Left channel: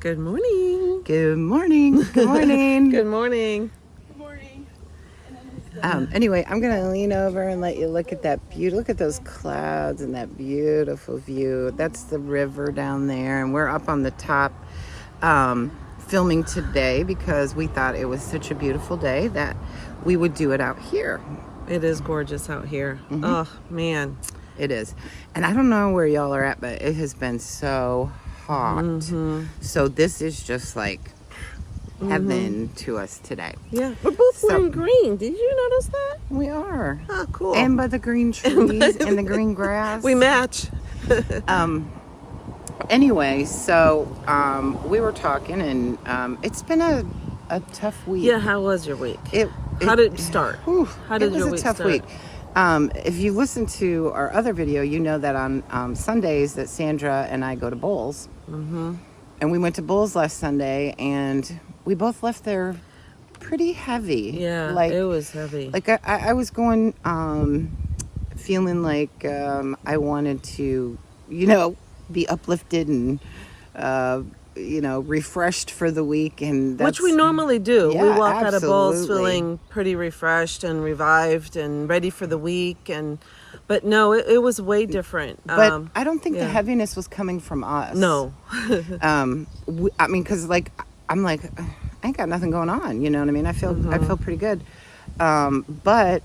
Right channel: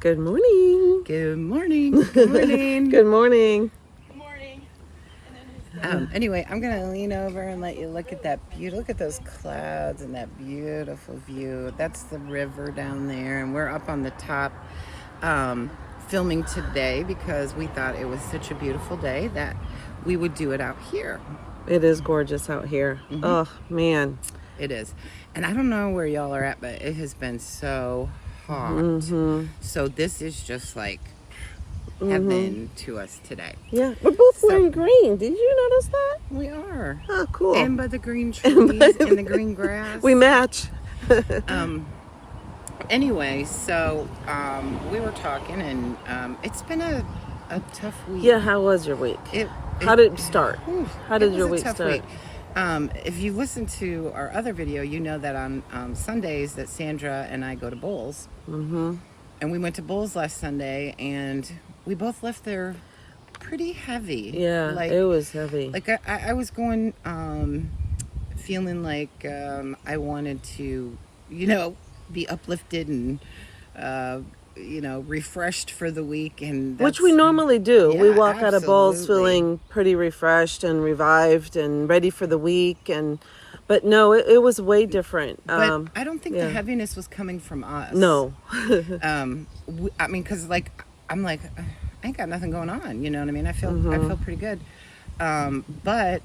Good morning. Good morning. Good morning. Good morning. Anyway, I'm gonna lean over and let you look at that beauty. Look at those clouds and that beautiful view. That's the river down there, and we're up on the top filming today because we thought it was such a beautiful day that we would do it out here. It is gorgeous out here. Mm-hmm. Oh man, it is. And I don't know where y'all are at, but it has been so hot. Mm-hmm. So this is just like heaven to us today. Yeah, we're both wearing green. Did you notice that? We are. Oh, cool. And by the green trees and the green grass. We match. Anyway, so we were talking, and it's been a tough week. Yeah, how was your week? How did it start? How did your week start? Week. If you listen to our other video, you know that on Sundays that Sandra and I go to bowls. Mm-hmm. And we went to bowls last Sunday, and we both left there pretty heavy. Yeah, it was heavy. Like I was going, feeling like I wanted to, be uplifted and, refreshed for the week. And which we normally do. Yeah, we walk out of bowls absolutely. feeling pretty refreshed and revived and ready for the week. But no, it was way different. But I don't think the heaviness was coming from us. No. Because I'm like, I ain't got nothing going on. You know what I mean? I feel pretty good. But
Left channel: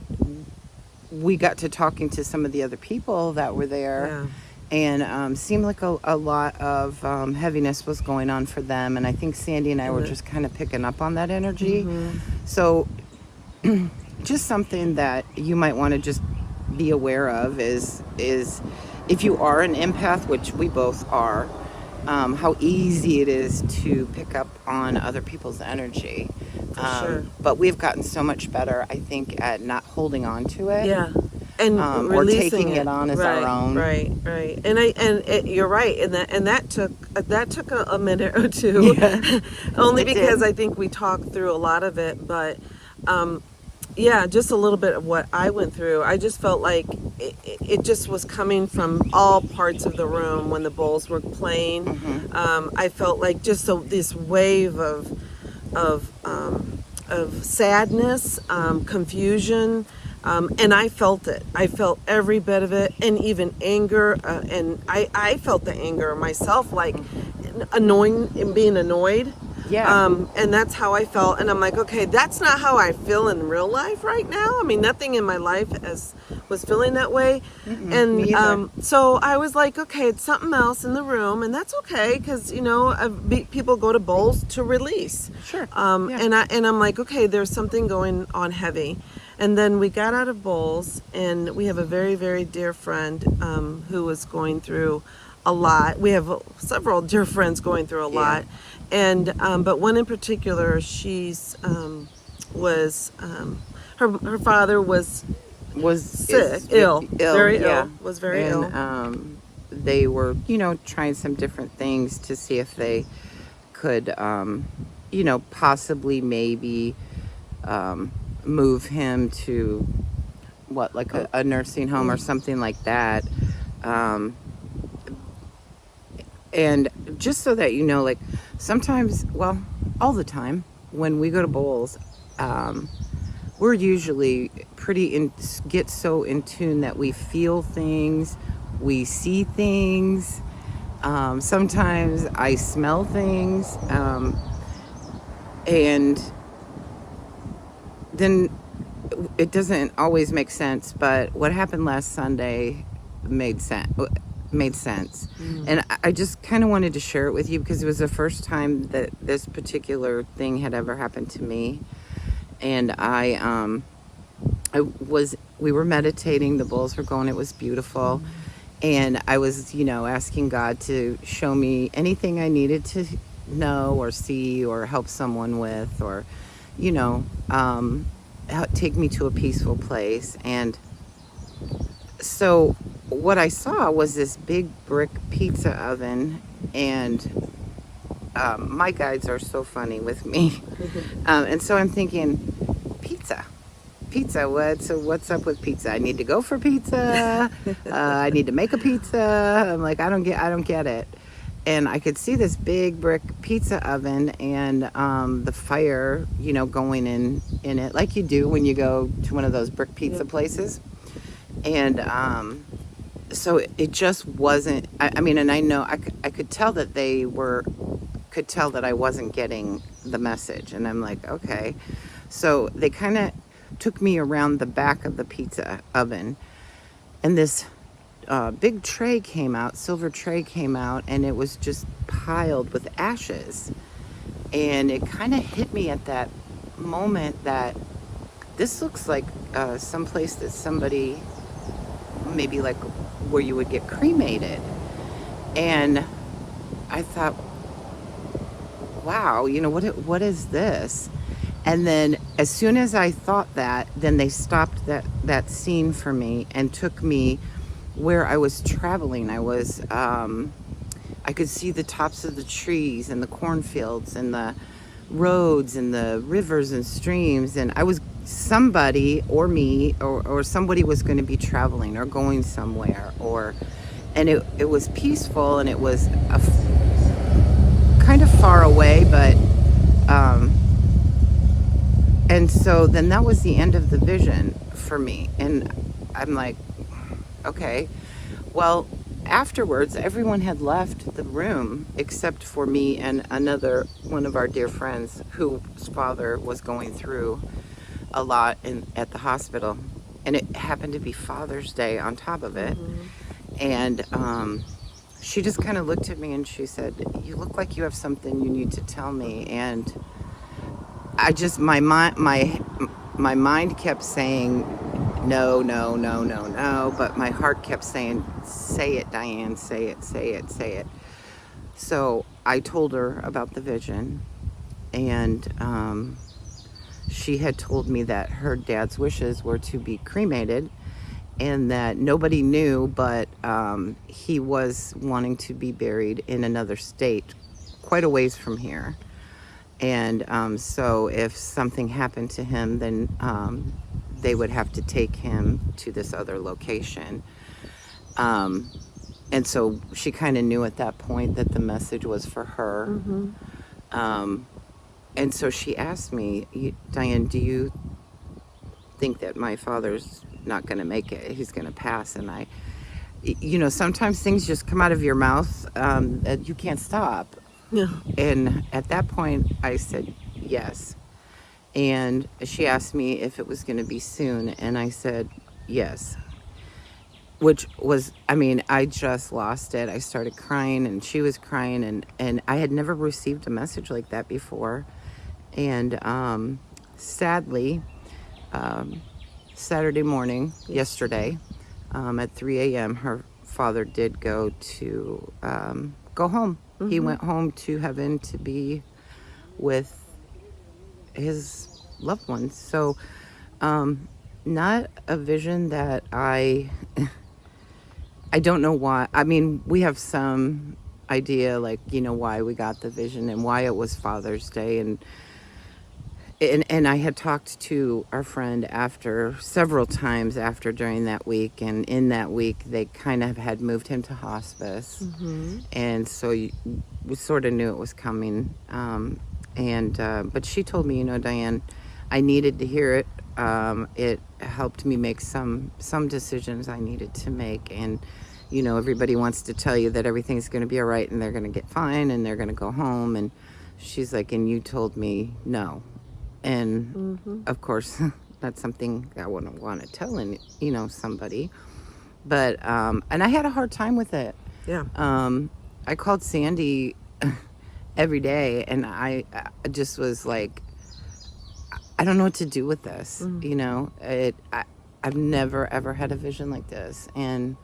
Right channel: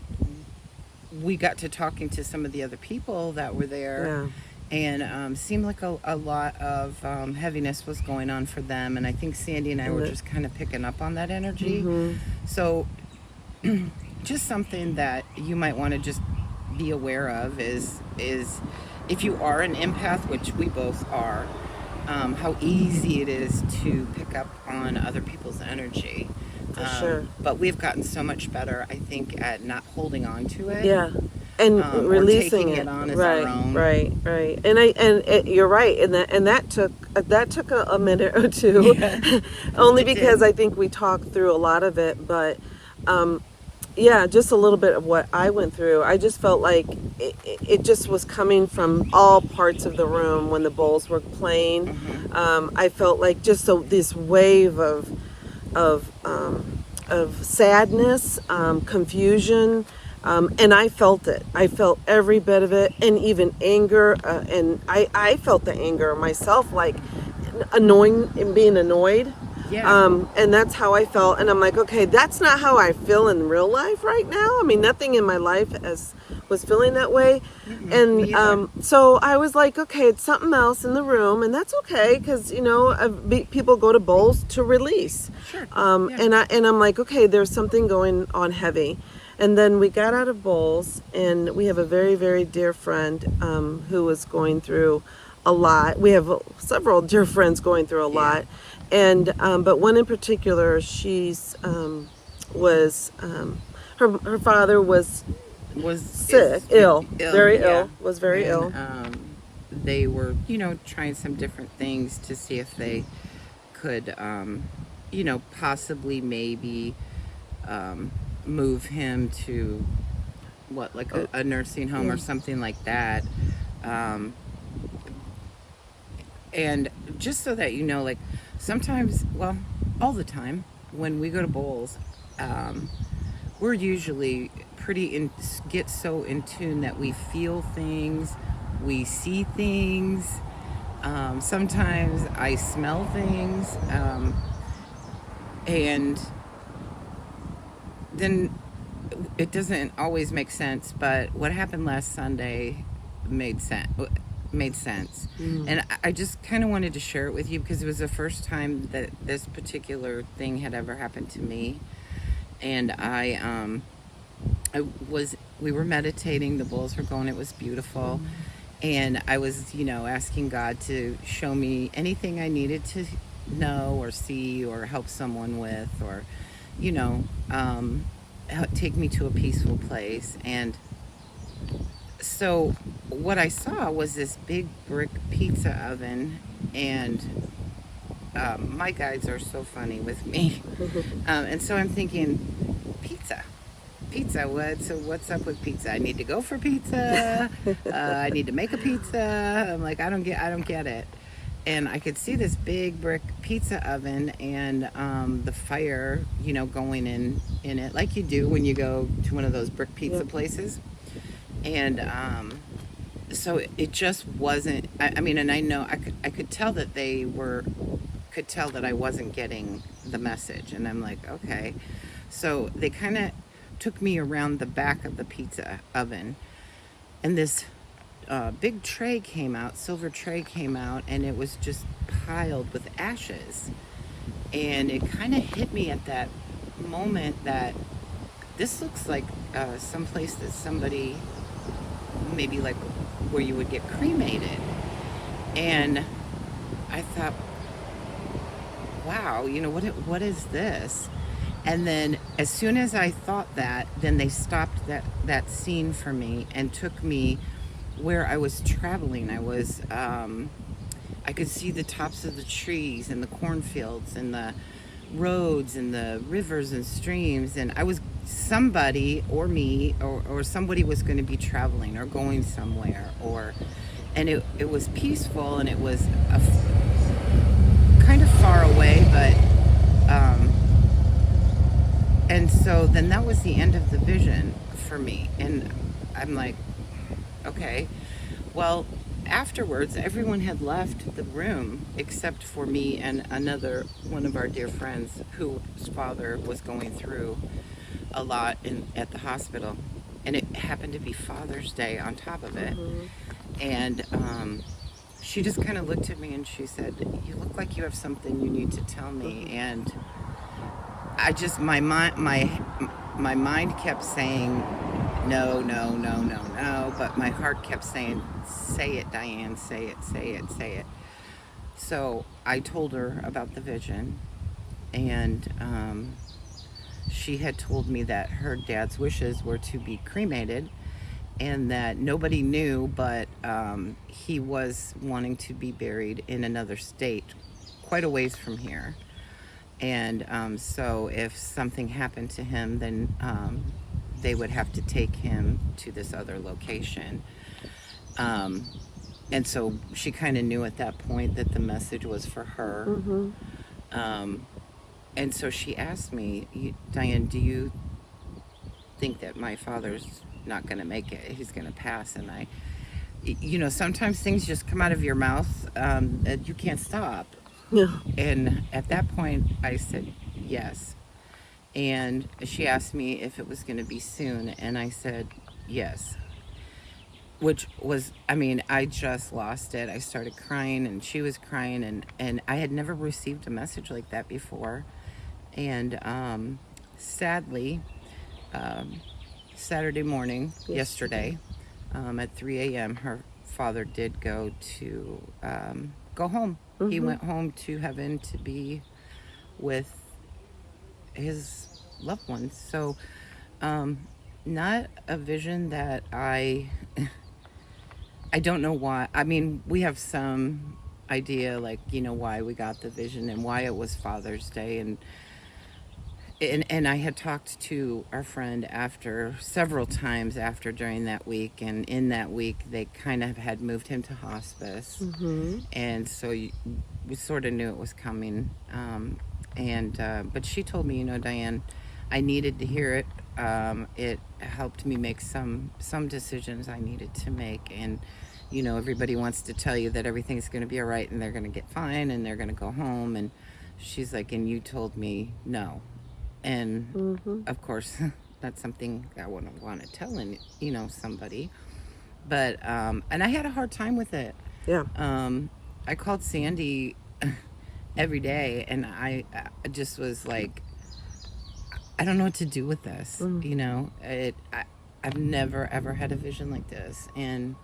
we got to talking to some of the other people that were there. Yeah. And seemed like a lot of heaviness was going on for them. And I think Sandy and I were just kind of picking up on that energy. Mm-hmm. So just something that you might want to just be aware of is if you are an empath, which we both are, how easy it is to pick up on other people's energy. For sure. But we've gotten so much better, I think, at not holding on to it. Yeah. And releasing or taking it on as right, our own. Right. And you're right. And that took a minute or two, yeah. Only because I think we talked through a lot of it. But just a little bit of what I went through. I just felt like it just was coming from all parts of the room when the bowls were playing. Mm-hmm. I felt like just this wave of sadness, confusion. And I felt it. I felt every bit of it, and even anger. And I felt the anger myself, like annoying and being annoyed. Yeah. And that's how I felt. And I'm like, okay, that's not how I feel in real life right now. I mean, nothing in my life was feeling that way. Mm-hmm. And so I was like, okay, it's something else in the room, and that's okay because people go to bowls to release. Sure. And I'm like, okay, there's something going on heavy. And then we got out of bowls, and we have a very, very dear friend who was going through a lot. We have several dear friends going through a lot. And but one in particular, she's was her father was sick, ill, very ill, was very ill. They were, trying some different things to see if they could, possibly maybe move him to a nursing home or something like that. And just so that sometimes, all the time, when we go to bowls, we're usually get so in tune that we feel things, we see things. Sometimes I smell things, and then it doesn't always make sense. But what happened last Sunday made sense. And I just kind of wanted to share it with you because it was the first time that this particular thing had ever happened to me. And we were meditating, the bowls were going, it was beautiful. And I was, asking God to show me anything I needed to know or see or help someone with, or, take me to a peaceful place. And so what I saw was this big brick pizza oven, and my guides are so funny with me. And so I'm thinking, pizza, what's up with pizza? I need to go for pizza. I need to make a pizza. I'm like, I don't get it. and I could see this big brick pizza oven and the fire, going in it like you do when you go to one of those brick pizza places. And so it just wasn't. I mean, and I know I could tell that could tell that I wasn't getting the message, and I'm like, okay. So they kind of took me around the back of the pizza oven, and this big tray came out, silver tray came out, and it was just piled with ashes. And it kind of hit me at that moment that this looks like someplace that somebody, maybe like where you would get cremated. And I thought, wow, what is this? And then as soon as I thought that, then they stopped that scene for me and took me where I was traveling. I could see the tops of the trees and the cornfields and the roads and the rivers and streams, and I was somebody or me or somebody was going to be traveling or going somewhere, and it was peaceful, and it was kind of far away, but and so then that was the end of the vision for me. And I'm like, okay, well, afterwards everyone had left the room except for me and another one of our dear friends whose father was going through a lot at the hospital, and it happened to be Father's Day on top of it. And she just kind of looked at me and she said, "You look like you have something you need to tell me." And I just, my mind kept saying no, no, no, no, no, but my heart kept saying, "Say it, Diane, say it, say it, say it." So I told her about the vision, and she had told me that her dad's wishes were to be cremated, and that nobody knew, but he was wanting to be buried in another state, quite a ways from here. And so if something happened to him, then they would have to take him to this other location. And so she kind of knew at that point that the message was for her. And so she asked me, "Diane, do you think that my father's not going to make it? He's going to pass?" And sometimes things just come out of your mouth that you can't stop. Yeah. And at that point, I said yes. And she asked me if it was going to be soon, and I said yes. Which was, I just lost it. I started crying, and she was crying, and I had never received a message like that before. And sadly, Saturday morning, yesterday, at 3 a.m., her father did go home. He went home to heaven to be with his loved ones. So, not a vision that I don't know why. We have some idea, why we got the vision and why it was Father's Day. And I had talked to our friend several times after during that week, and in that week they kind of had moved him to hospice, and so we sort of knew it was coming. But she told me, Diane, I needed to hear it. It helped me make some decisions I needed to make, and everybody wants to tell you that everything's going to be all right and they're going to get fine and they're going to go home, and she's like, and you told me no. And of course, that's something I wouldn't want to tell somebody. But and I had a hard time with it. Yeah. I called Sandy every day, and I just was like, I don't know what to do with this. I've never ever had a vision like this, and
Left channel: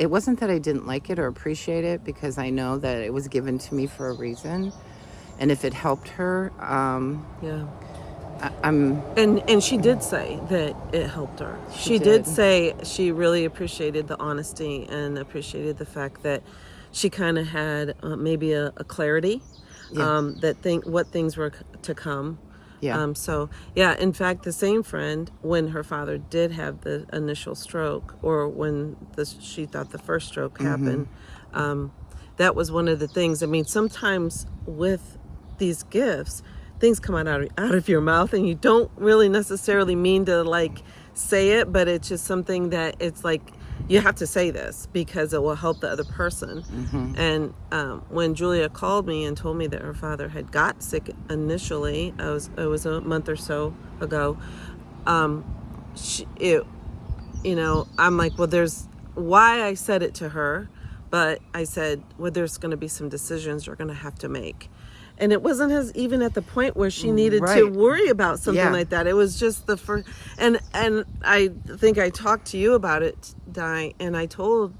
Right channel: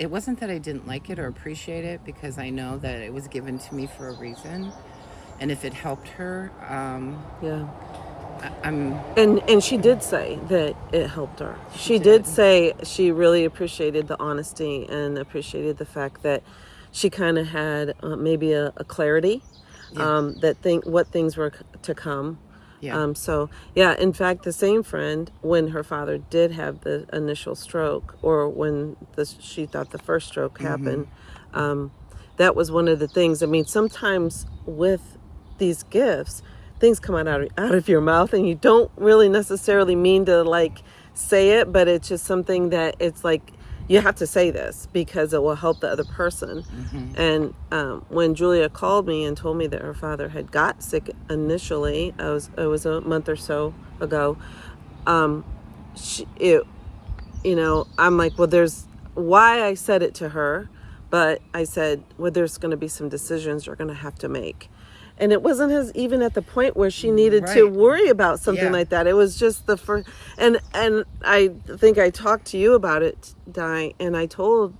it wasn't that I didn't like it or appreciate it, because I know that it was given to me for a reason. And if it helped her, And she did say that it helped her. She did say she really appreciated the honesty and appreciated the fact that she kind of had maybe a clarity what things were to come. Yeah. In fact, the same friend, when her father did have the initial stroke, or when she thought the first stroke happened, that was one of the things. I mean, sometimes with these gifts, things come out of your mouth and you don't really necessarily mean to like say it, but it's just something that it's like, you have to say this because it will help the other person. And when Julia called me and told me that her father had got sick initially, it was a month or so ago. I'm like, well, there's why I said it to her, but I said, well, there's going to be some decisions you're going to have to make. And it wasn't even at the point where she needed to worry about something like that. It was just the first, and I think I talked to you about it, Di, and I told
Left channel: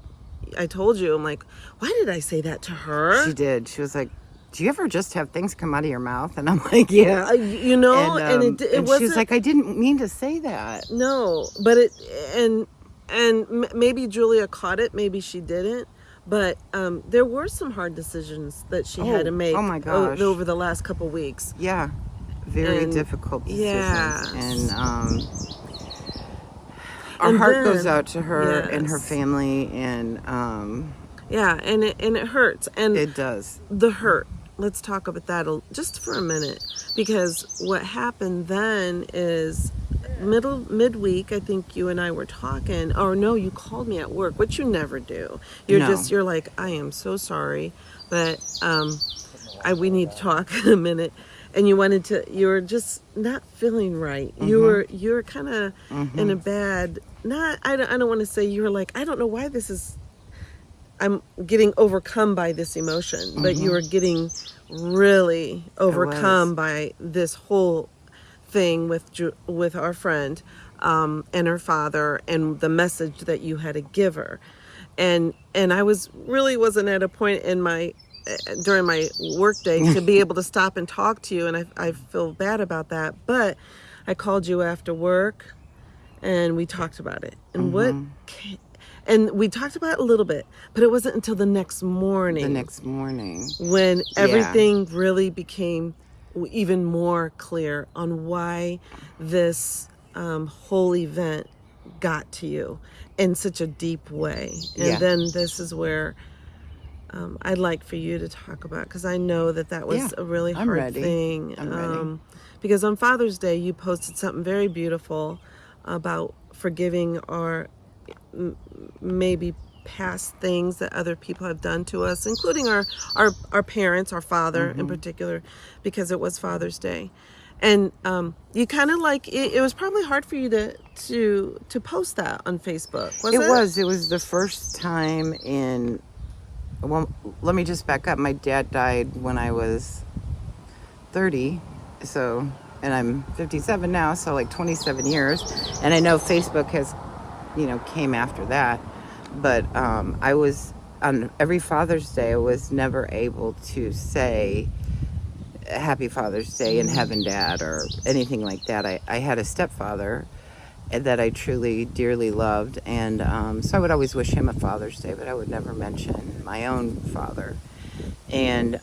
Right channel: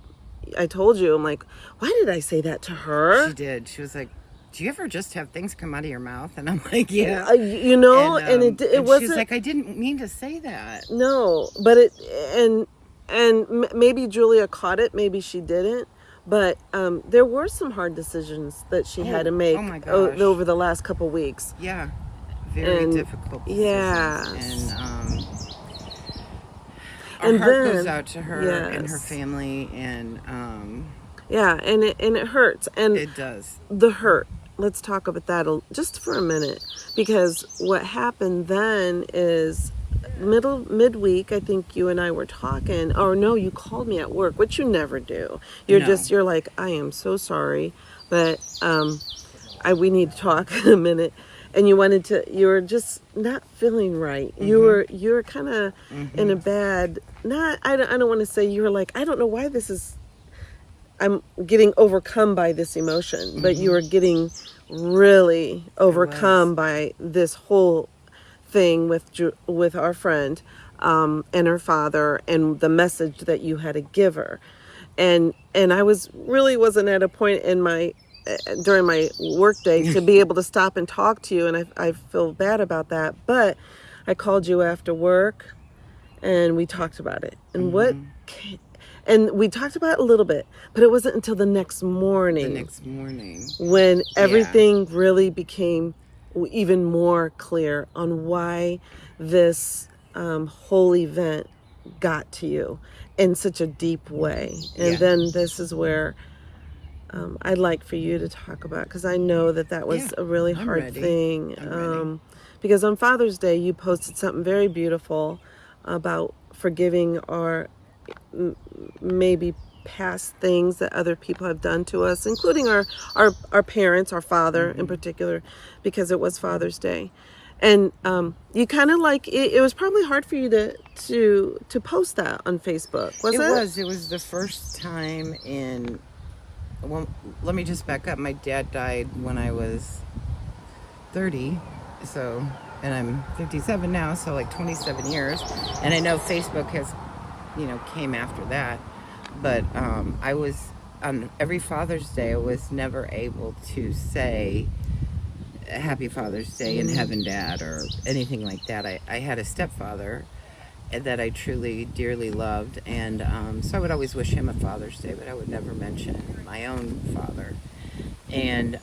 you, I'm like, why did I say that to her? She did. She was like, do you ever just have things come out of your mouth? And I'm like, yeah. And it wasn't. She's like, I didn't mean to say that. No, but maybe Julia caught it, maybe she didn't. But there were some hard decisions that she had to make over the last couple weeks. Yeah, very difficult decisions. Yeah. And our heart goes out to her and her family. And and it hurts. And it does. The hurt. Let's talk about that just for a minute. Because what happened then is midweek, I think you and I were talking, or no, you called me at work, which you never do. You're like, I am so sorry, but we need to talk in a minute. And you were just not feeling right. You were kind of in a bad, I don't want to say, you were like, I don't know why I'm getting overcome by this emotion, but you were getting really overcome by this whole thing with our friend and her father and the message that you had to give her. And I wasn't at a point in during my workday to be able to stop and talk to you, and I feel bad about that. But I called you after work and we talked about it. And and we talked about it a little bit, but it wasn't until the next morning when everything really became even more clear on why this whole event got to you in such a deep way. And then this is where I'd like for you to talk about, because I know that was a really hard thing. Because on Father's Day, you posted something very beautiful about forgiving our maybe past things that other people have done to us, including our parents, our father in particular, because it was Father's Day. And you kind of like it was probably hard for you to post that on Facebook, was it? It was the first time well, let me just back up. My dad died when I was 30, and I'm 57 now, so like 27 years. And I know Facebook has, came after that. But I was, on every Father's Day, I was never able to say Happy Father's Day in heaven, Dad, or anything like that. I had a stepfather that I truly, dearly loved. And so I would always wish him a Father's Day, but I would never mention my own father. And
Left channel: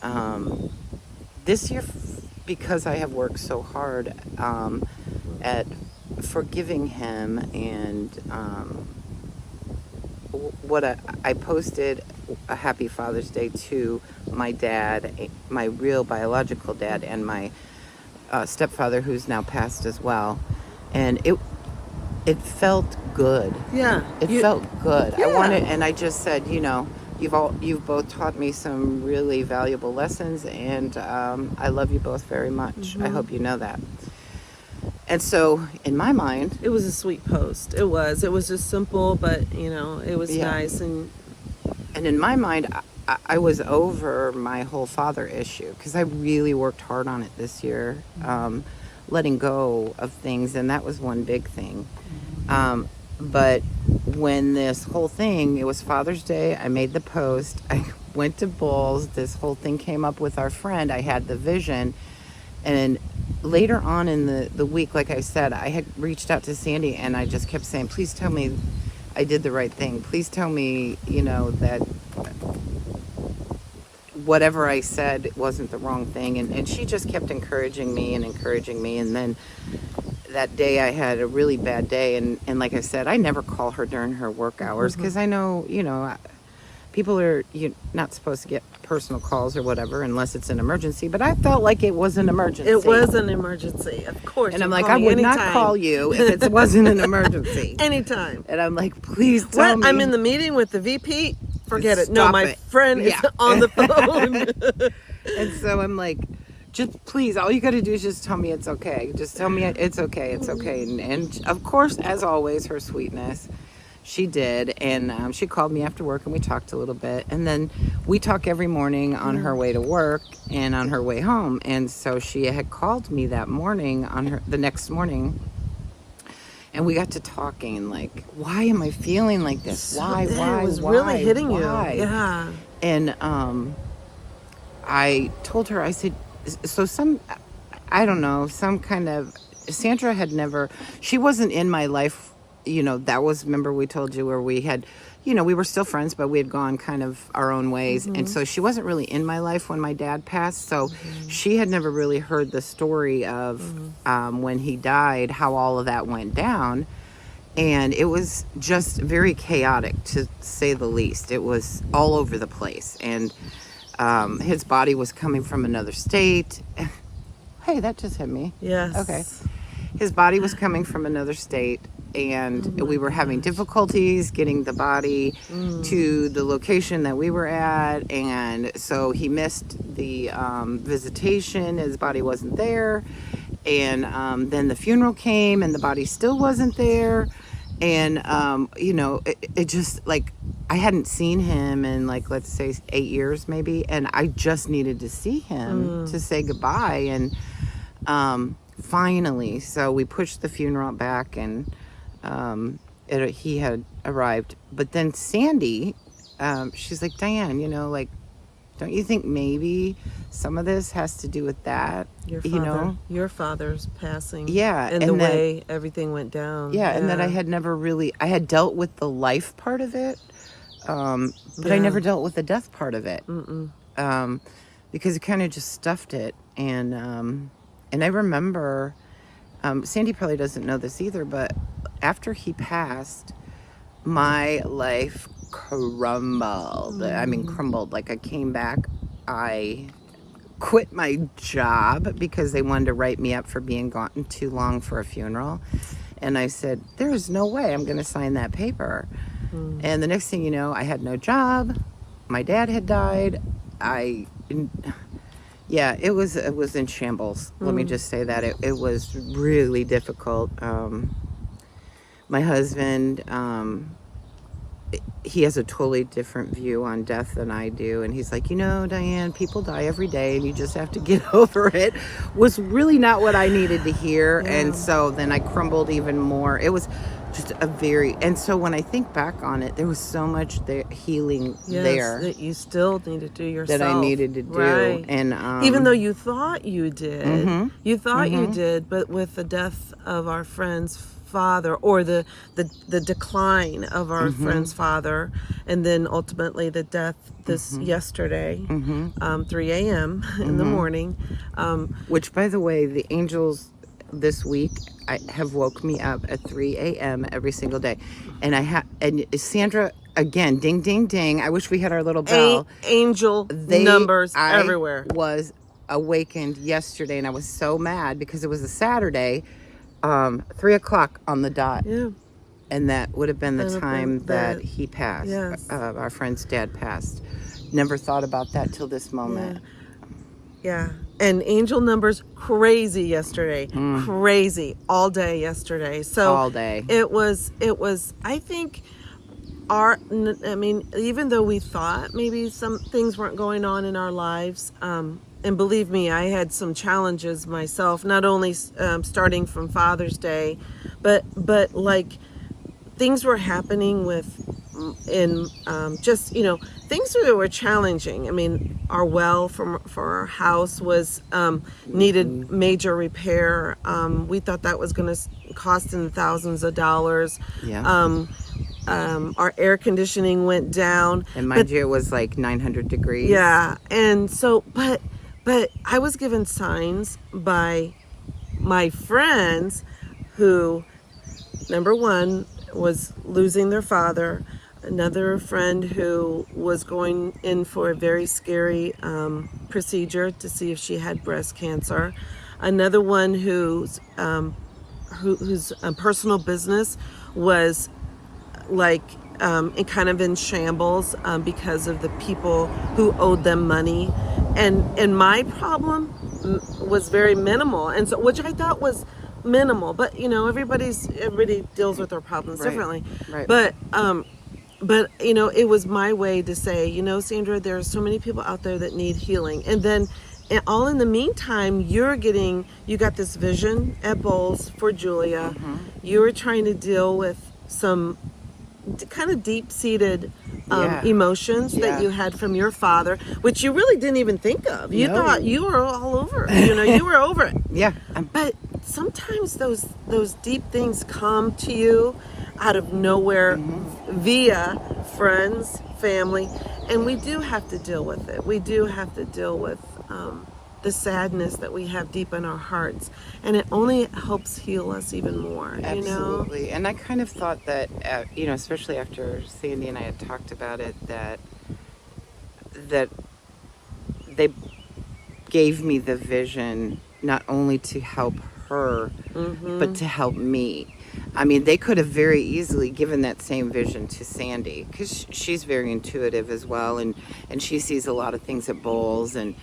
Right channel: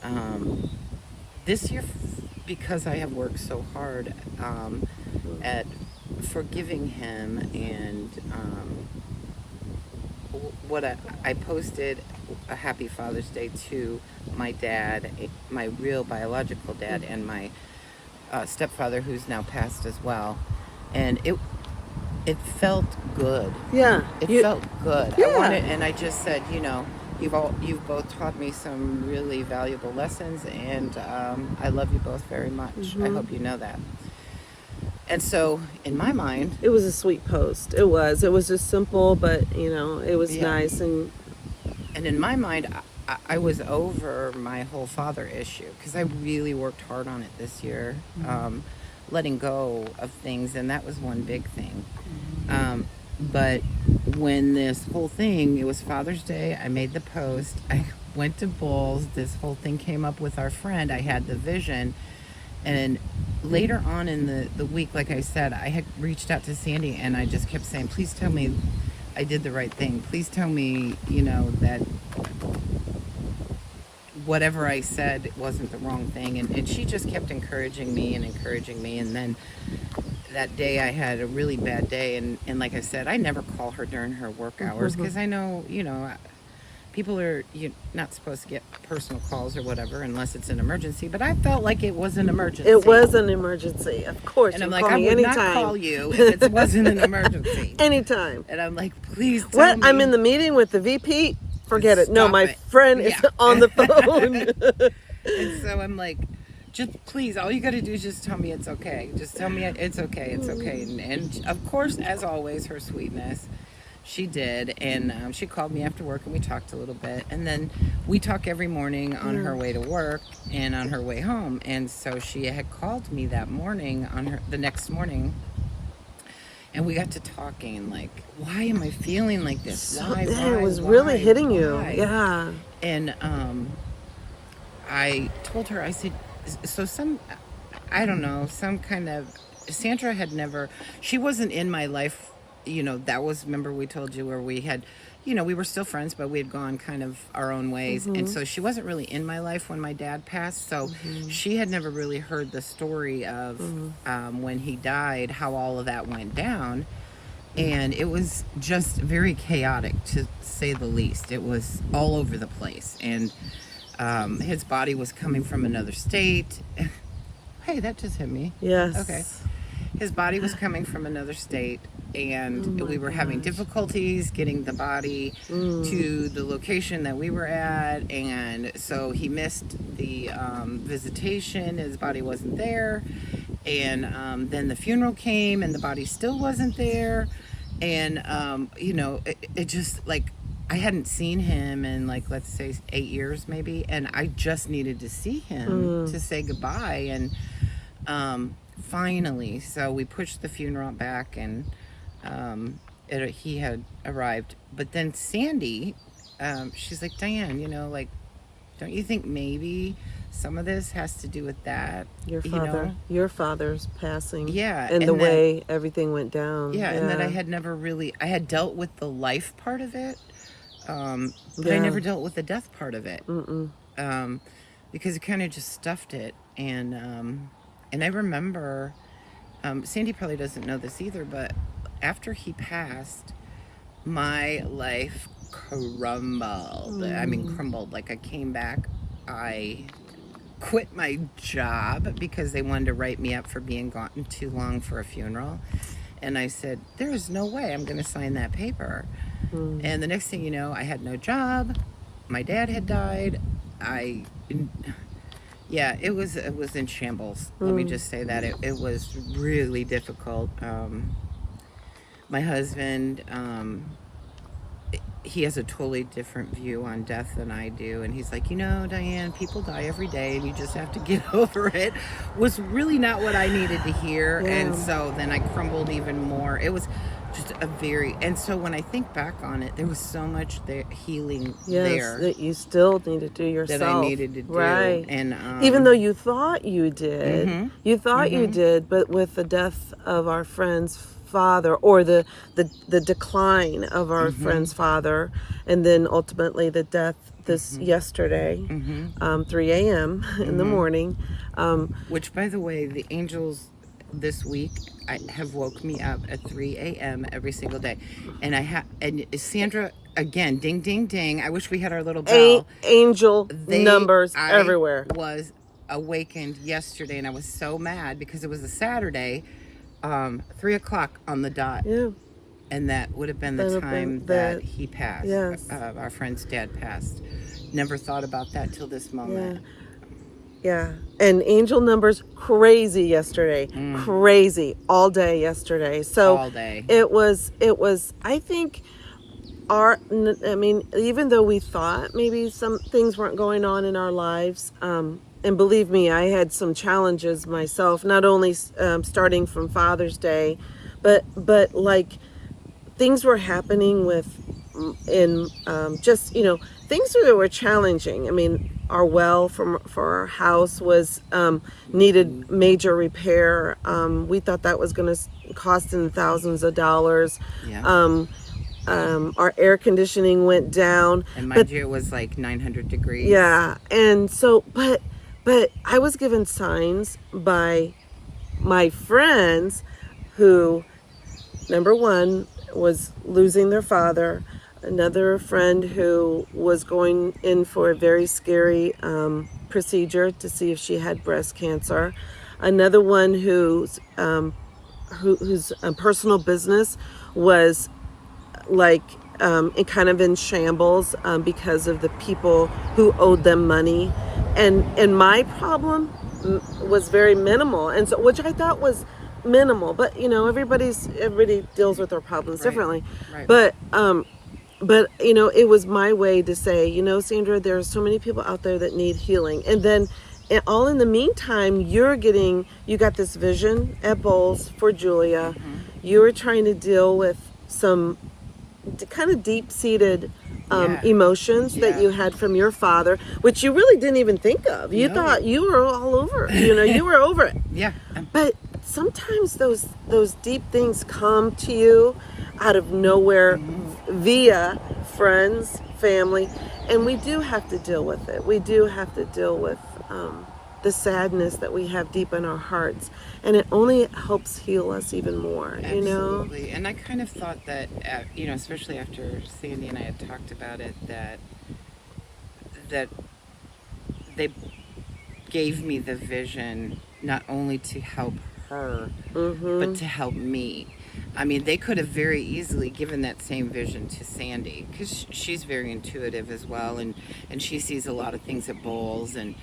this year, because I have worked so hard at forgiving him, and I posted a Happy Father's Day to my dad, my real biological dad, and my stepfather, who's now passed as well. And it felt good. Yeah. It felt good. Yeah. And I just said, you've both taught me some really valuable lessons, and I love you both very much. I hope you know that. And so, in my mind, it was a sweet post. It was just simple, but it was nice. And in my mind, I was over my whole father issue, because I really worked hard on it this year, letting go of things, and that was one big thing. But when this whole thing, it was Father's Day, I made the post, I went to Bulls, this whole thing came up with our friend, I had the vision, and later on in the week, like I said, I had reached out to Sandy, and I just kept saying, please tell me I did the right thing. Please tell me, that whatever I said wasn't the wrong thing. And she just kept encouraging me. And then that day I had a really bad day. And like I said, I never call her during her work hours, because I know, people are not supposed to get personal calls or whatever unless it's an emergency, but I felt like it was an emergency. It was an emergency, of course. And I'm You like, call I me would anytime. not call you if it wasn't an emergency. Anytime. And I'm like, please tell me. I'm in the meeting with the VP. Forget it. No, Stop my it. friend is on the phone. And so I'm like, just please, all you got to do is just tell me it's okay. Just tell me it's okay. It's okay. And of course, as always, her sweetness. She did, and she called me after work, and we talked a little bit, and then we talk every morning on her way to work and on her way home. And so she had called me that morning the next morning, and we got to talking. Like, why am I feeling like this? Why? It was why, really hitting why? you. Yeah. And I told her, I said, so I don't know, some kind of Sandra had never. She wasn't in my life. That was, remember we told you where we had, we were still friends, but we had gone kind of our own ways. And so she wasn't really in my life when my dad passed. So she had never really heard the story of when he died, how all of that went down. And it was just very chaotic, to say the least. It was all over the place. And his body was coming from another state. Hey, that just hit me. Yes. Okay. His body was coming from another state, and we were having difficulties getting the body to the location that we were at, and so he missed the visitation. His body wasn't there, and then the funeral came, and the body still wasn't there, and it just, like, I hadn't seen him in, like, let's say 8 years maybe, and I just needed to see him to say goodbye. And finally, so we pushed the funeral back, and he had arrived. But then Sandy, she's like, Diane, like, don't you think maybe some of this has to do with that? Your father's passing. Yeah. And the way everything went down. Yeah, and that I had never really, I had dealt with the life part of it, but I never dealt with the death part of it. Because it kind of just stuffed it. And I remember, Sandy probably doesn't know this either, but after he passed, my life crumbled. I mean, crumbled. Like, I came back, I quit my job because they wanted to write me up for being gone too long for a funeral. And I said, there's no way I'm going to sign that paper. And the next thing you know, I had no job. My dad had died. Yeah, it was in shambles. Let me just say that. It was really difficult. My husband, he has a totally different view on death than I do. And he's like, Diane, people die every day and you just have to get over it. Was really not what I needed to hear. Yeah. And so then I crumbled even more. It was just and so when I think back on it, there was so much healing there that you still need to do yourself. That I needed to do. Right. And even though you thought you did, you did, but with the death of our friend's father, or the decline of our friend's father, and then ultimately the death yesterday, 3 a.m. in the morning. Which, by the way, the angels this week have woke me up at 3 a.m. every single day. And and Sandra, again, ding, ding, ding. I wish we had our little bell. Angel numbers everywhere. I was awakened yesterday, and I was so mad because it was a Saturday, 3 o'clock on the dot. Yeah. And that would have been the time that he passed. Yes. Our friend's dad passed. Never thought about that till this moment. Yeah. And angel numbers, crazy yesterday. Crazy all day yesterday. So all day. It was, I think, even though we thought maybe some things weren't going on in our lives, and believe me, I had some challenges myself, not only starting from Father's Day, but like things were happening things that were challenging. I mean, our well for our house was needed major repair. We thought that was going to cost in thousands of dollars. Yeah. Our air conditioning went down. And mind you, it was like 900 degrees. Yeah. And so, but I was given signs by my friends who, number one, was losing their father. another friend who was going in for a very scary procedure to see if she had breast cancer. Another one whose personal business was like kind of in shambles because of the people who owed them money, and my problem was very minimal, and so which I thought was minimal, but everybody deals with their problems differently. Right. But it was my way to say, Sandra, there are so many people out there that need healing, and then all in the meantime, you got this vision at Bowles for Julia. You were trying to deal with some kind of deep-seated emotions that you had from your father, which you really didn't even think of. You thought you were all over it. You were over it. Yeah. But sometimes those deep things come to you out of nowhere via friends, family, and we do have to deal with it. We do have to deal with the sadness that we have deep in our hearts, and it only helps heal us even more. Absolutely. And I kind of thought that, especially after Sandy and I had talked about it, that they gave me the vision not only to help her, but to help me. I mean, they could have very easily given that same vision to Sandy, because she's very intuitive as well, and she sees a lot of things at Bowles, and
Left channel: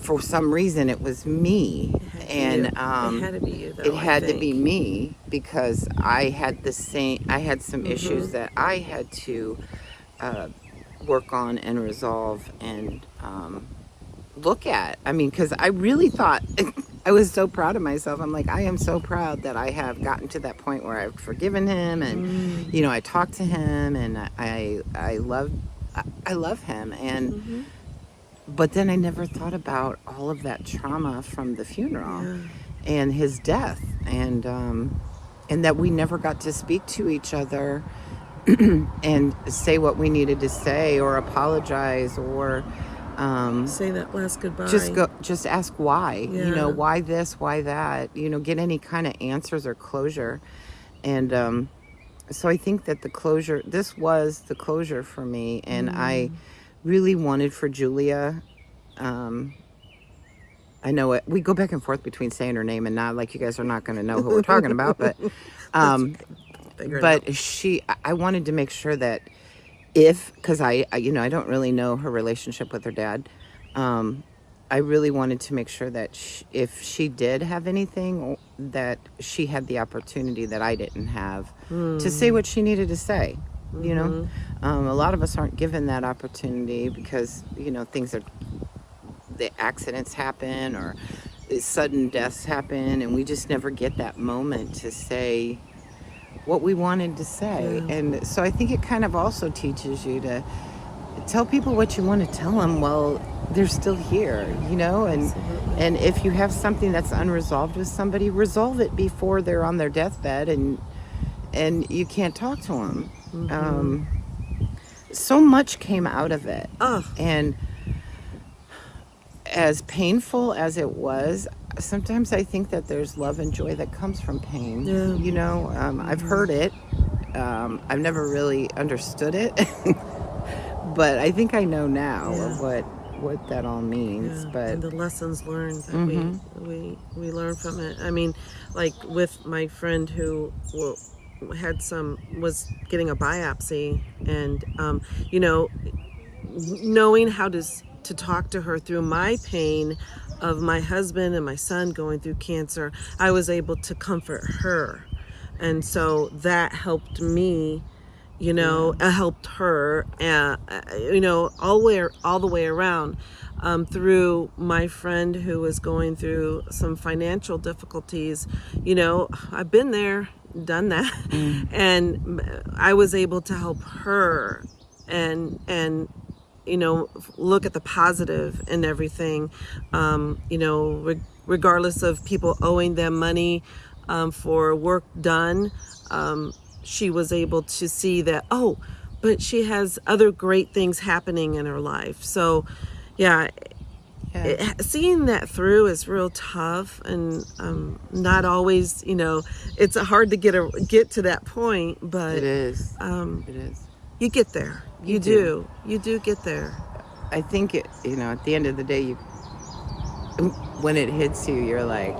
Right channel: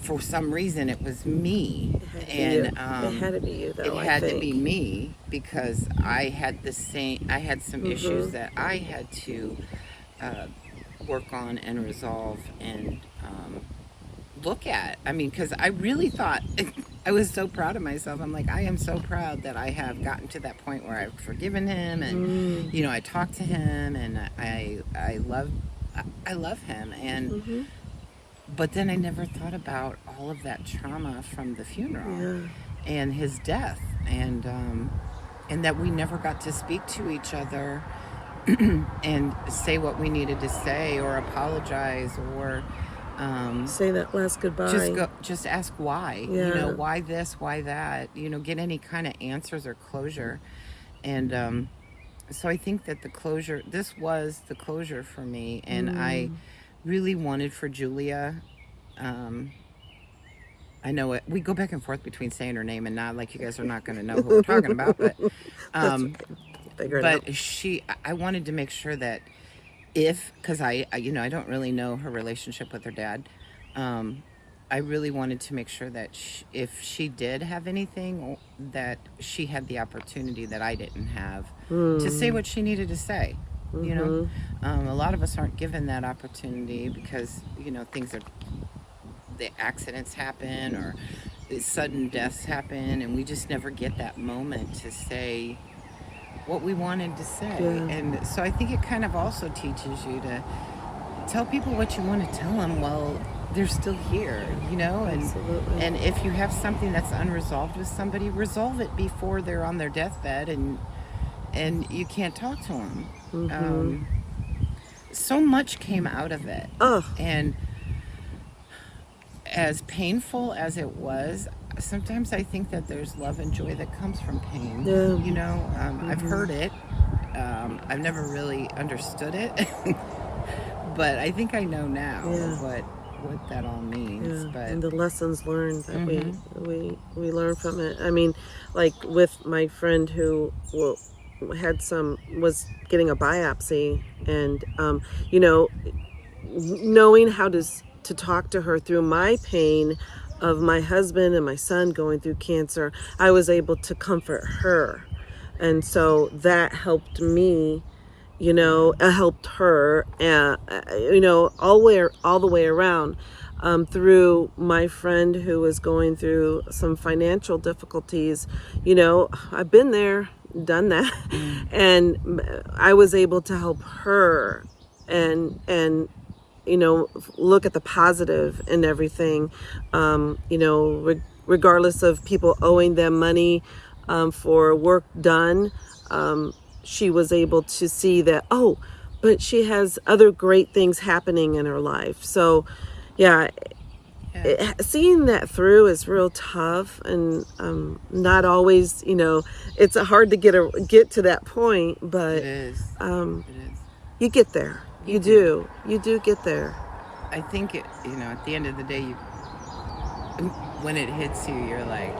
for some reason it was me, it had to be you, though. It had to be me, because I had some issues that I had to work on and resolve and look at. I mean, because I really thought, I was so proud of myself. I'm like, I am so proud that I have gotten to that point where I've forgiven him, and I talked to him, and I love him, and but then I never thought about all of that trauma from the funeral and his death, and that we never got to speak to each other and say what we needed to say, or apologize, or say that last goodbye. Just ask why. Why this, why that. Get any kind of answers or closure. And so I think that this was the closure for me, and I really wanted for Julia. I know we go back and forth between saying her name and not, like, you guys are not going to know who we're talking about, but I wanted to make sure that because I don't really know her relationship with her dad, I really wanted to make sure that if she did have anything, that she had the opportunity that I didn't have to say what she needed to say. A lot of us aren't given that opportunity because the accidents happen, or sudden deaths happen, and we just never get that moment to say what we wanted to say. And so I think it kind of also teaches you to tell people what you want to tell them while they're still here, and if you have something that's unresolved with somebody, resolve it before they're on their deathbed and you can't talk to them. So much came out of it, and as painful as it was, sometimes I think that there's love and joy that comes from pain. I've heard it. I've never really understood it, but I think I know now what that all means. But and the lessons learned that we learn from it. I mean, like with my friend who was getting a biopsy, and knowing how to talk to her through my pain of my husband and my son going through cancer, I was able to comfort her, and so that helped me. Helped her, all the way around, through my friend who was going through some financial difficulties. I've been there, done that, and I was able to help her, and look at the positive in everything. Regardless of people owing them money for work done. She was able to see that, but she has other great things happening in her life. So, seeing that through is real tough, and not always, it's hard to get to that point, but It is. It is. you get there. You do get there. I think at the end of the day, when it hits you, you're like,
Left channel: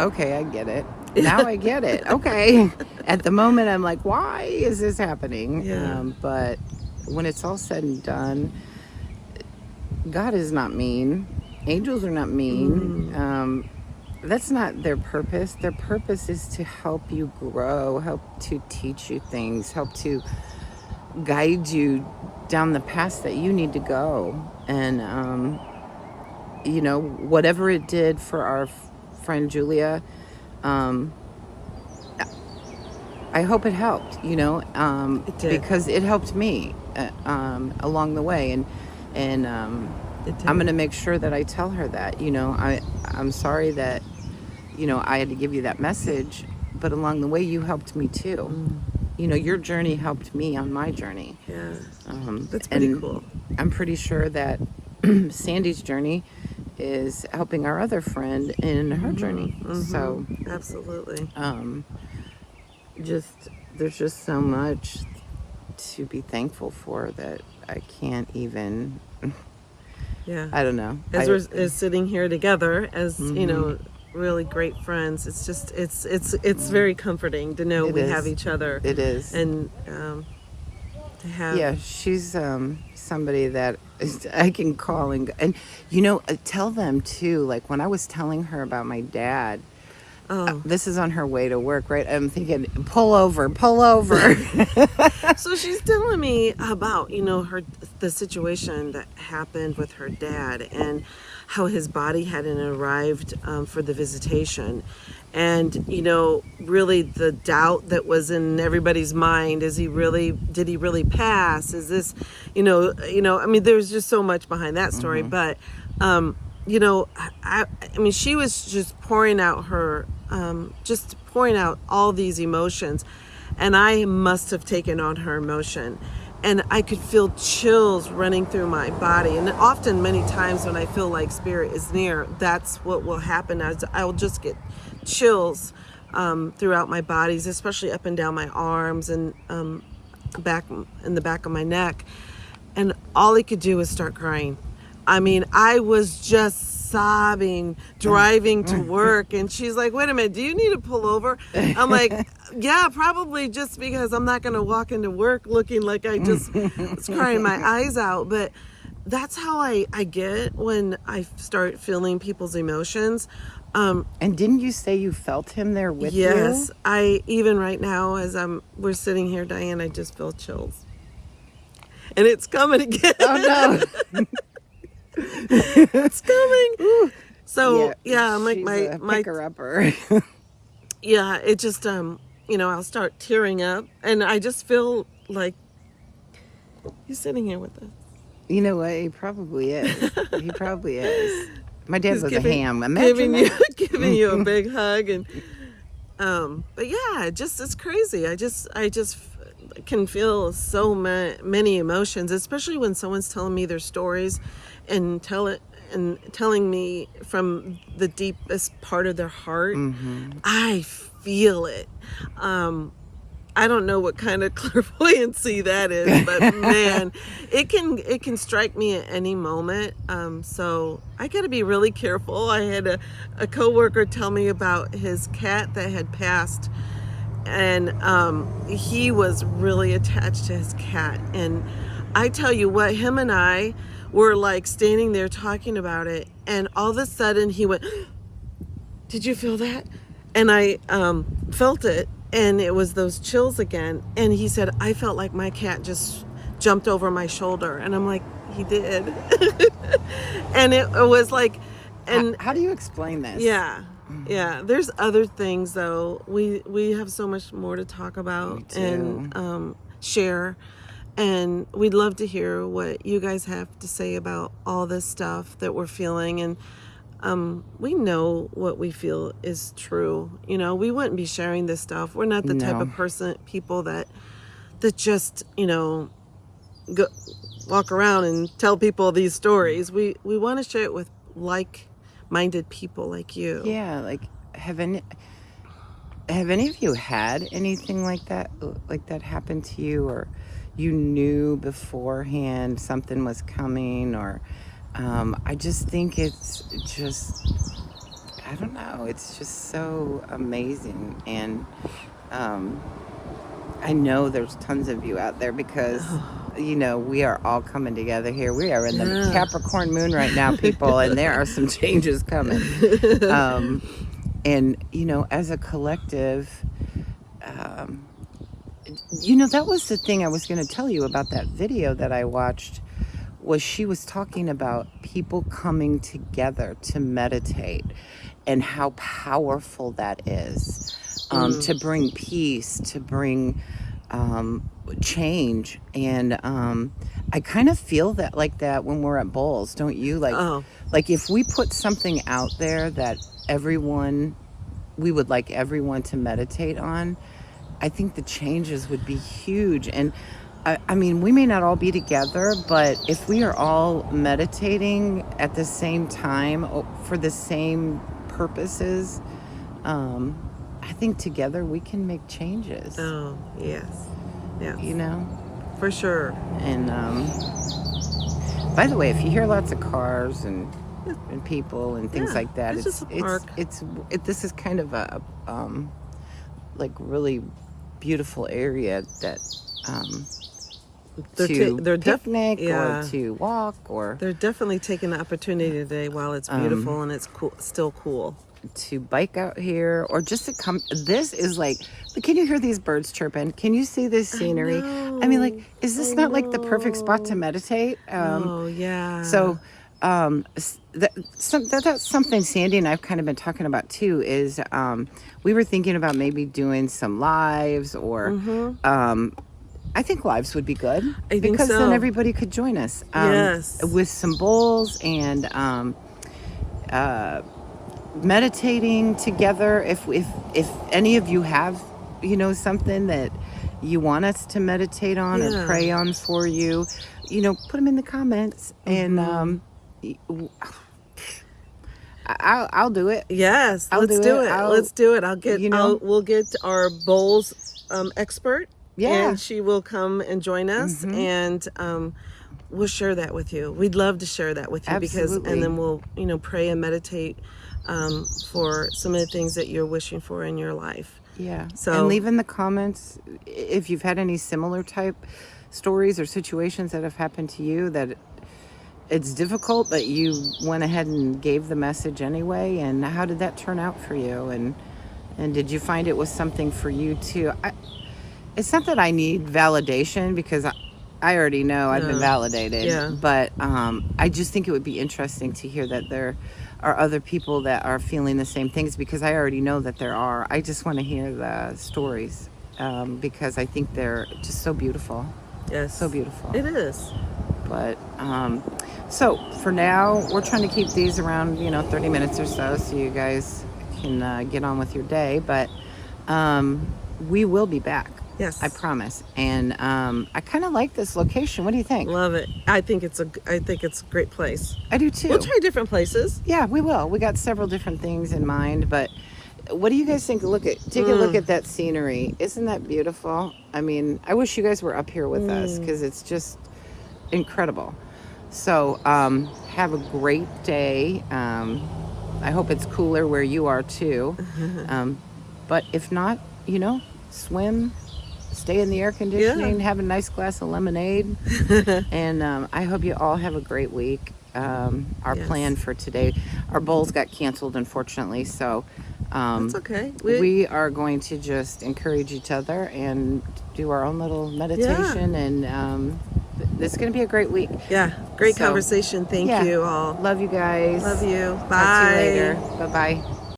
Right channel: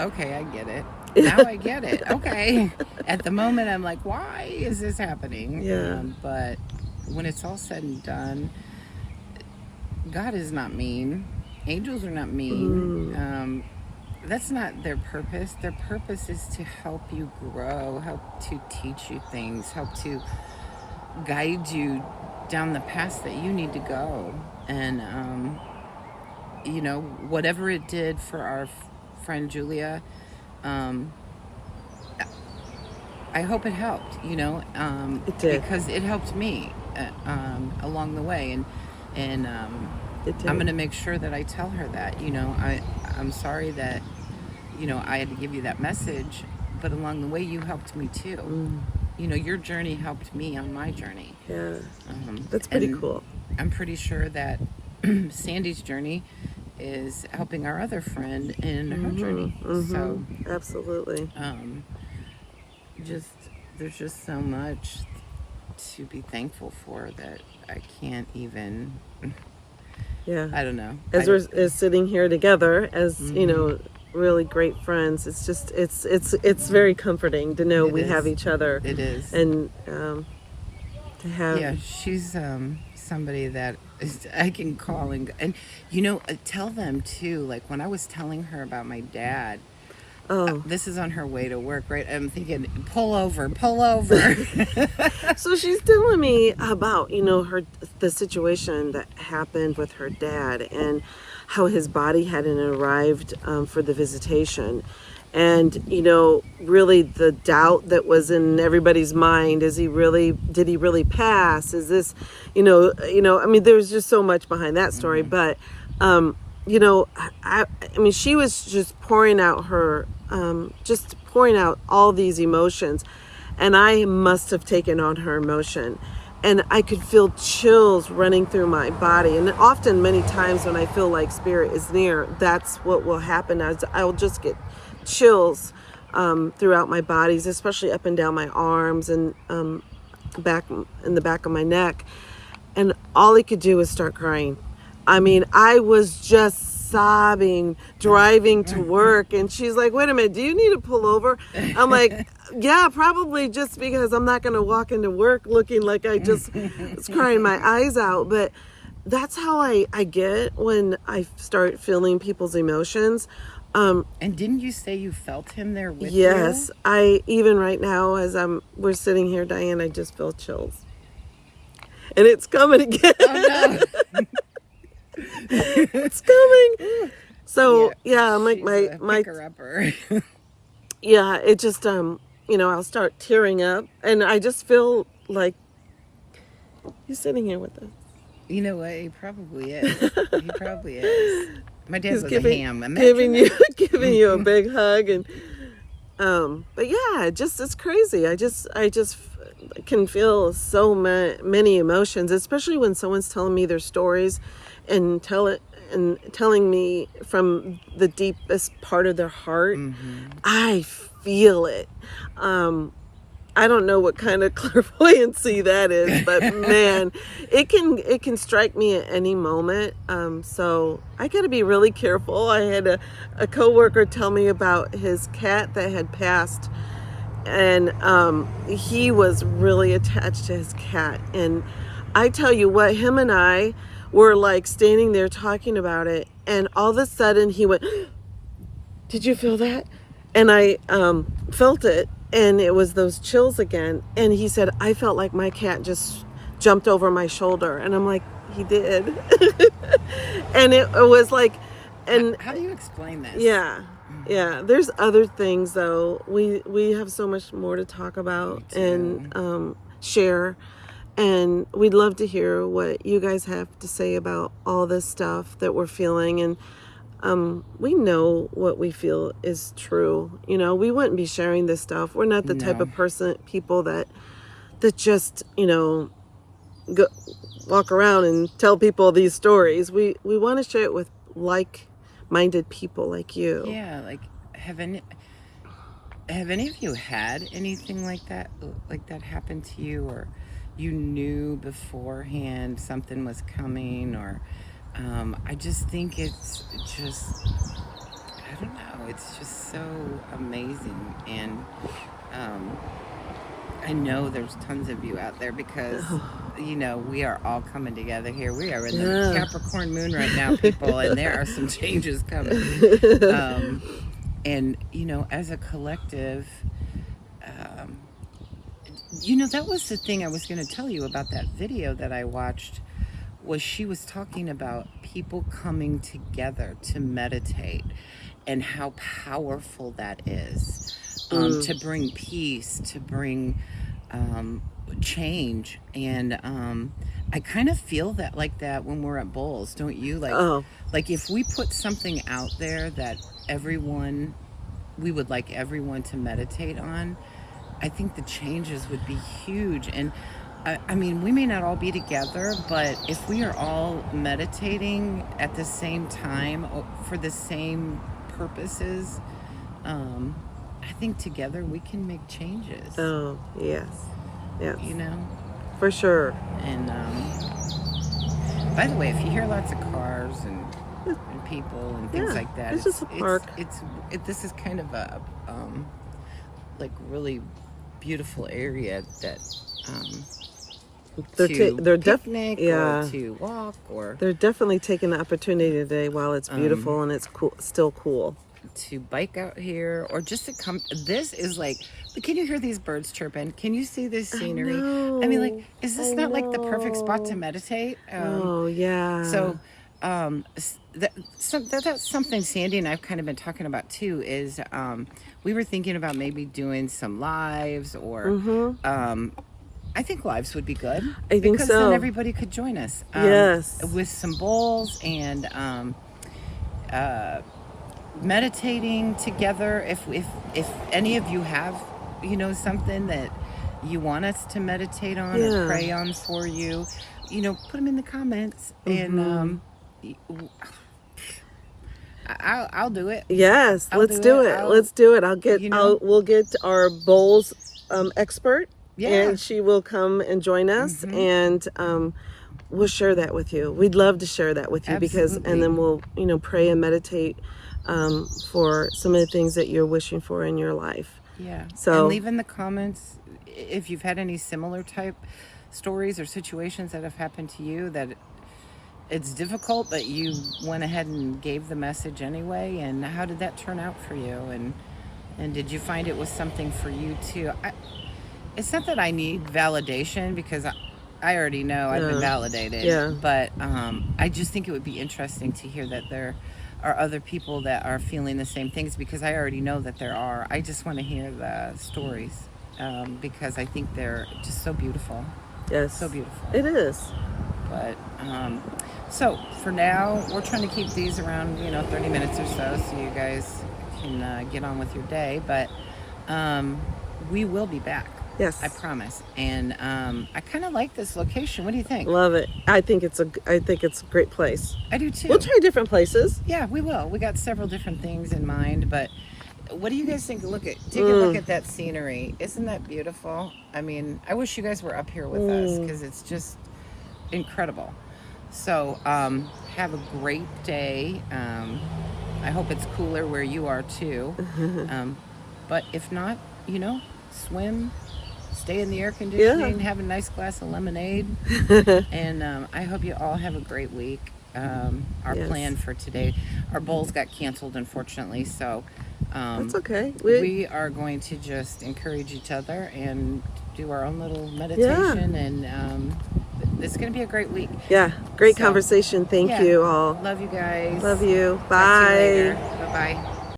okay, I get it. Now I get it. Okay. At the moment, I'm like, why is this happening? Yeah. But when it's all said and done, God is not mean. Angels are not mean. That's not their purpose. Their purpose is to help you grow, help to teach you things, help to guide you down the path that you need to go. And, whatever it did for our friend Julia, I hope it helped, It did. because it helped me along the way. And I'm going to make sure that I tell her that, I'm sorry that, I had to give you that message, but along the way you helped me too. Your journey helped me on my journey. Yeah. That's pretty cool. I'm pretty sure that Sandy's journey is helping our other friend in her journey. So absolutely. There's just so much to be thankful for that I can't even. Yeah. I don't know. As we're sitting here together as really great friends, it's just it's very comforting to know we have each other. It is. And to have. Yeah, she's somebody that I can call and tell them too. Like when I was telling her about my dad. Oh. This is on her way to work, right? I'm thinking, pull over. So she's telling me about, the situation that happened with her dad and how his body hadn't arrived for the visitation. And, really the doubt that was in everybody's mind, did he really pass? Is this, there's just so much behind that story. But, she was just pouring out all these emotions, and I must have taken on her emotion, and I could feel chills running through my body. And often, many times when I feel like spirit is near, that's what will happen. I'll just get chills throughout my bodies, especially up and down my arms and back in the back of my neck. And all he could do was start crying. I was just sobbing, driving to work, and she's like, wait a minute, do you need to pull over? I'm like, yeah, probably, just because I'm not going to walk into work looking like I just was crying my eyes out. But that's how I get when I start feeling people's emotions. And didn't you say you felt him there with you? Yes, even right now as we're sitting here, Diane, I just feel chills. And it's coming again. Oh no. It's coming. So I'm like my picker-upper. Yeah, it just I'll start tearing up, and I just feel like he's sitting here with us. You know what? He probably is. He probably is. My dad was a ham. Giving you a big hug, and but yeah, it's crazy. I just can feel so many emotions, especially when someone's telling me their stories and telling me from the deepest part of their heart. I feel it. I don't know what kind of clairvoyancy that is, but man, it can strike me at any moment. So I got to be really careful. I had a coworker tell me about his cat that had passed, and he was really attached to his cat. And I tell you what, him and I were like standing there talking about it, and all of a sudden he went, "Did you feel that?" And I felt it, and it was those chills again. And he said, "I felt like my cat just jumped over my shoulder." And I'm like, "He did." And it was like, and how do you explain this? Yeah. There's other things though. We have so much more to talk about and share. And we'd love to hear what you guys have to say about all this stuff that we're feeling. And we know what we feel is true. We wouldn't be sharing this stuff. We're not the type of people that just, go, walk around and tell people these stories. We want to share it with like-minded people like you. Yeah, like have any of you had anything like that happen to you, or you knew beforehand something was coming, or I just think it's just, I don't know, it's just so amazing. And I know there's tons of you out there because we are all coming together here. We are in the Capricorn moon right now, people, and there are some changes coming. And as a collective, that was the thing I was going to tell you about that video that I watched. Was she was talking about people coming together to meditate and how powerful that is, to bring peace, to bring change. And I kind of feel that like that when we're at bowls, don't you? Like if we put something out there that we would like everyone to meditate on, I think the changes would be huge. And I mean, we may not all be together, but if we are all meditating at the same time for the same purposes, I think together we can make changes. Oh, yes. Yes. For sure. And by the way, if you hear lots of cars and people and things like that, this is a park. This is kind of a like really beautiful area that they're picnic or to walk, or they're definitely taking the opportunity today while it's beautiful and it's still cool, to bike out here, or just to come. This is like, can you hear these birds chirping? Can you see this scenery? I mean, like, is this not like the perfect spot to meditate? Oh yeah. So that's something Sandy and I've kind of been talking about too, is we were thinking about maybe doing some lives, or I think lives would be good. I think because so. Then everybody could join us. Yes. With some bowls and meditating together. If any of you have something that you want us to meditate on or pray on for you, put them in the comments, and I'll do it. Yes, let's do it. Let's do it. We'll get our bowls expert. Yeah. And she will come and join us, and we'll share that with you. We'd love to share that with you. Absolutely. And then we'll, pray and meditate for some of the things that you're wishing for in your life. Yeah. So, and leave in the comments if you've had any similar type stories or situations that have happened to you that it's difficult, but you went ahead and gave the message anyway. And how did that turn out for you? And did you find it was something for you too? It's not that I need validation, because I already know I've been validated. Yeah. But I just think it would be interesting to hear that there are other people that are feeling the same things, because I already know that there are. I just want to hear the stories because I think they're just so beautiful. Yes. So beautiful. It is. But so for now, we're trying to keep these around 30 minutes or so you guys can get on with your day. But we will be back. Yes, I promise. And I kind of like this location. What do you think? Love it. I think it's a great place. I do too. We'll try different places. Yeah, we will. We got several different things in mind, but what do you guys think? Take a look at that scenery. Isn't that beautiful? I mean, I wish you guys were up here with us, because it's just incredible. So have a great day. I hope it's cooler where you are too. But if not, swim, stay in the air conditioning, have a nice glass of lemonade. And I hope you all have a great week. Our plan for today, our bowls got canceled, unfortunately, so that's okay. We are going to just encourage each other and do our own little meditation, and it's going to be a great week. Yeah, great conversation. Thank you all. Love you guys. Love you. Talk Bye. to you later. Bye-bye.